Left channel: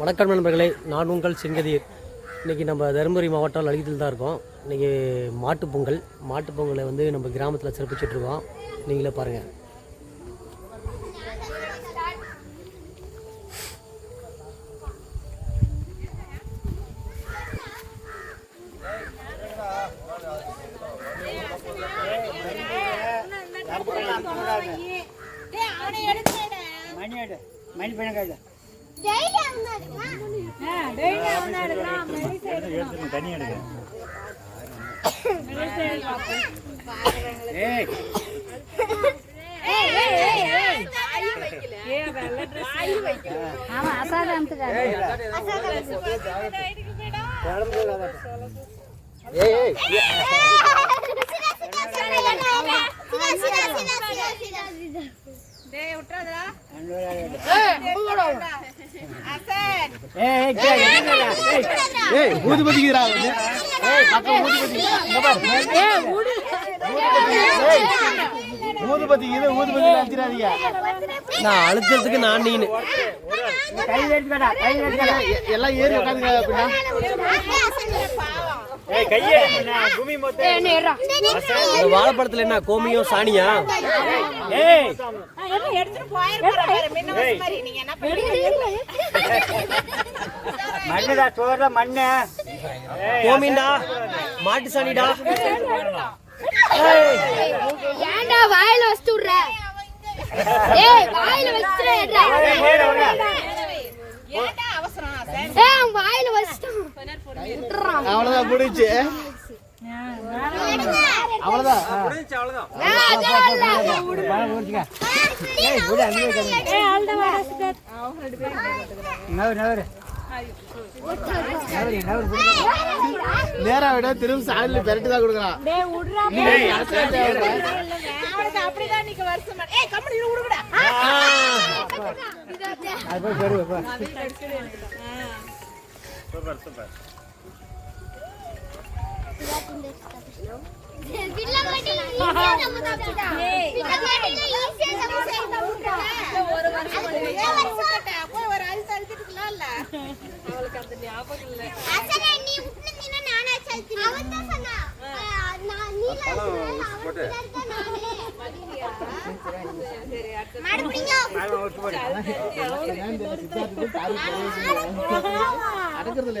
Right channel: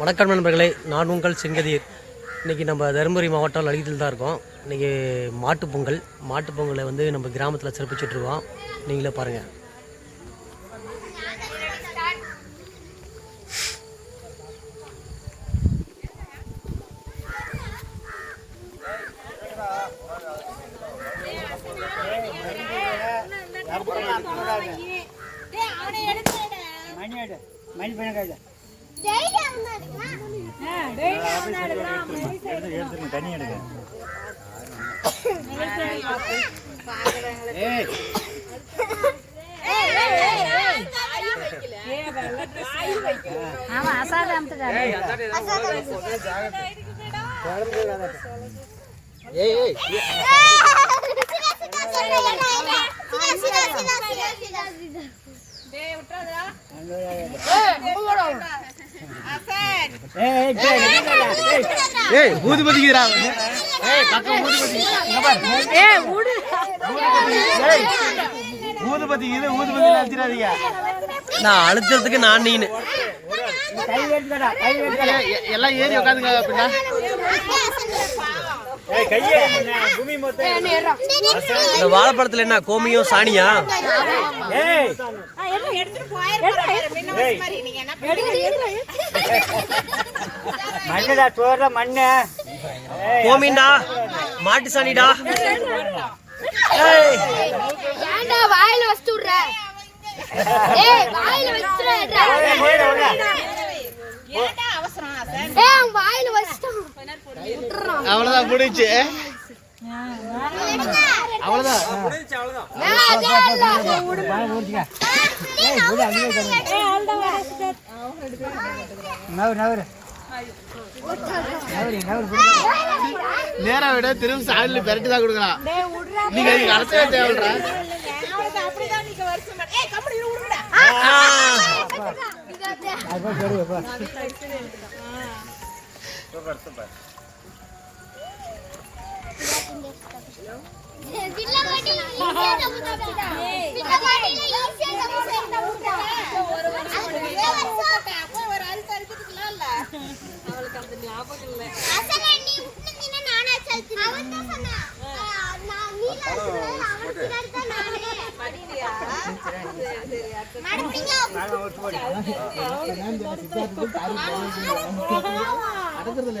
வணக்கம் நண்பர்களே நான் உங்கள் செங்கதீர். இன்றைக்கி நம்ம தருமபுரி மாவட்டம் லலிதத்தில் தான் இருக்கோம். இன்றைக்கி மாட்டுப் பொங்கல். மாட்டுப் பொங்கலை வந்து நம்ம கிராமத்தில் சிறப்பிச்சிட்ருக்கோம் நீங்களே பாருங்கள் மணி மணி பண்ண தண்ணி எடுக்க ஏய் ஊதுபதி இது அடிச்சிடாதீங்க நான் அழுத்தத்துக்கு நான் நீனு கை கை எல்லாம் ஏறி உட்காந்துங்க அப்படின்னா ஏய் கையே பூமி மொத்தம் இந்த வாழைப்பழத்தில் என்ன கோமியம் சாணியா ஏய் மண்ணுடா சோற மண்ணு. கோமியண்டா மாட்டு சாணிடா. ஏன்டா வாயில வச்சு விடுற ஏய் வாயில வச்சுடுறா ஏய் அவன் வாயில வச்சுட்டான். விட்டுறான் அவ்வளோதான் முடிச்சு நேரா விட திரும்ப சாணியில் பெரட்டி தான் கொடுக்கலாம் நீங்க அரசியல தேவைப்படுறா அது போய் பெருவு அவளுக்கு அந்த ஞாபகம் இல்லை அடக்கிறதுல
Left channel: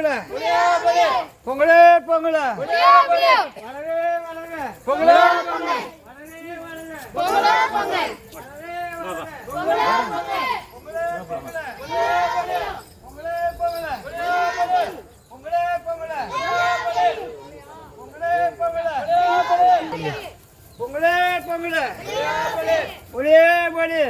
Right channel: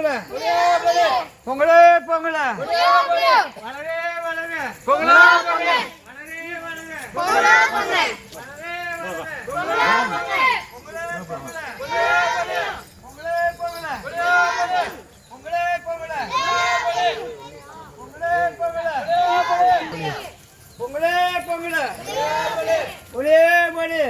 પંગળા પંગળે પંગળા પંગળા બોલે બોલે બોલે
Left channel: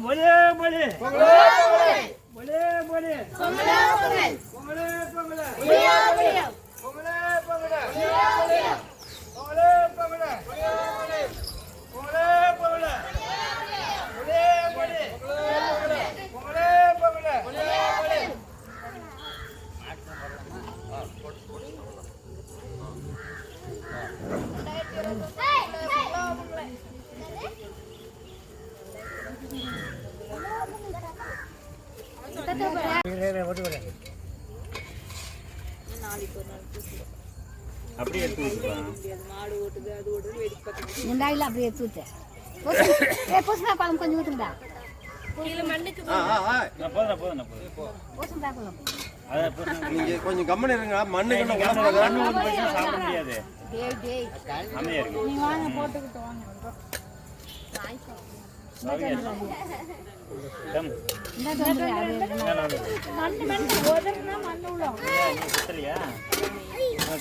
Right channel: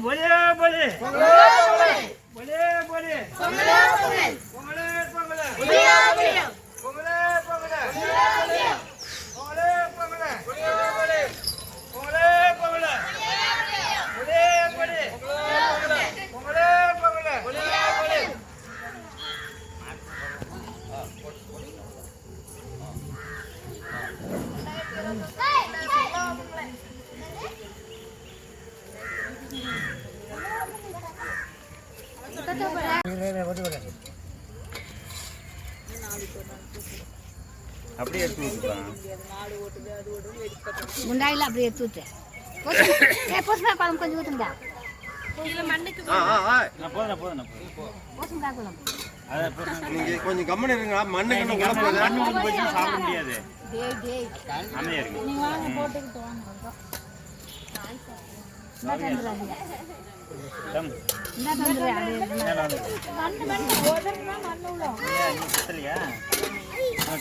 બોલે બોલે બોલે बोले बोले कोमला कोमल कोमला कोमला बिया बिया कोमला कोमला बिया बिया कोमला कोमला बिया बिया कोमला कोमला बिया बिया बोले बोले அப்படியே எடுத்து கொஞ்சம் இருங்க. மண்ணு மண்ணு சாப்பிட போட்டுக்கிட்டு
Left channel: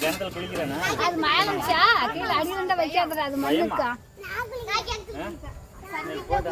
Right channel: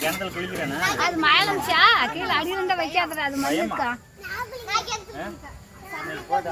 கிணத்துல குளிக்கிறானா அது மயலம்ச்சா கீழே அடி நண்டை வைக்காத அது மயக்கா போட்டு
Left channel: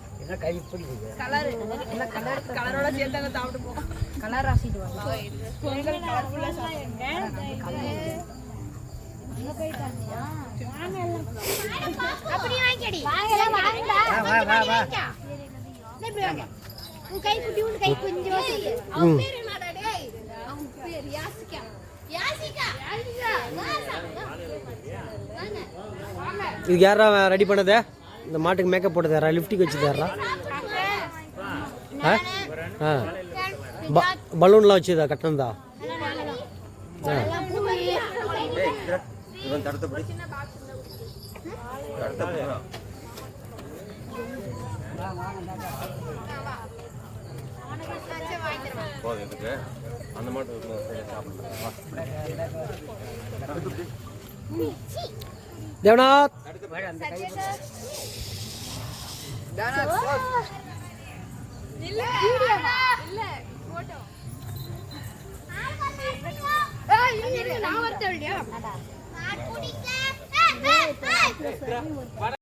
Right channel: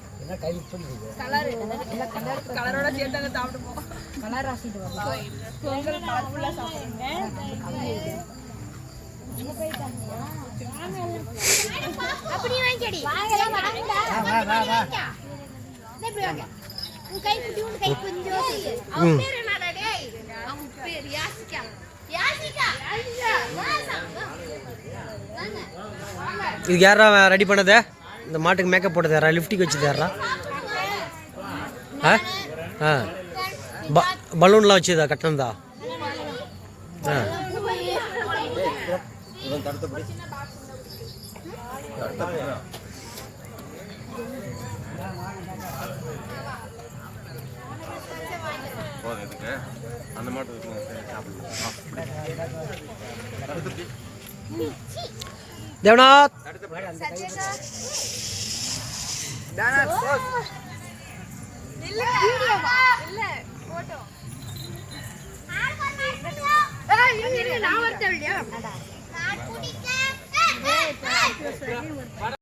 கலர் ராசிட்டு வரலாம் அப்படி வாங்கிக்கடி. இப்படி. உன் கை குட்டி, உன் கை கொஞ்சோண்டு. அவன் பேர் என்னடா டேய்? அவன் பேர் யாசிகா. யாசிகா. யாசிகா. இதுக்கு யாரா ரெடி பண்ணது இந்த மாட்டுக்கு மேக்கப் போட்டு தர்றா லிஃப்டிக்கு வச்சு தர்றா. ஆ? ஆ. ப பலூன்லாம் வச்சுதா கட்டணந்தா ஆ. இவன் அந்த மாட்டு தேவநாத் வீடியோவா? ஆள் பண்ணா இப்படியா? நான் குடிக்க. ஏய், ஏய், ஏய்.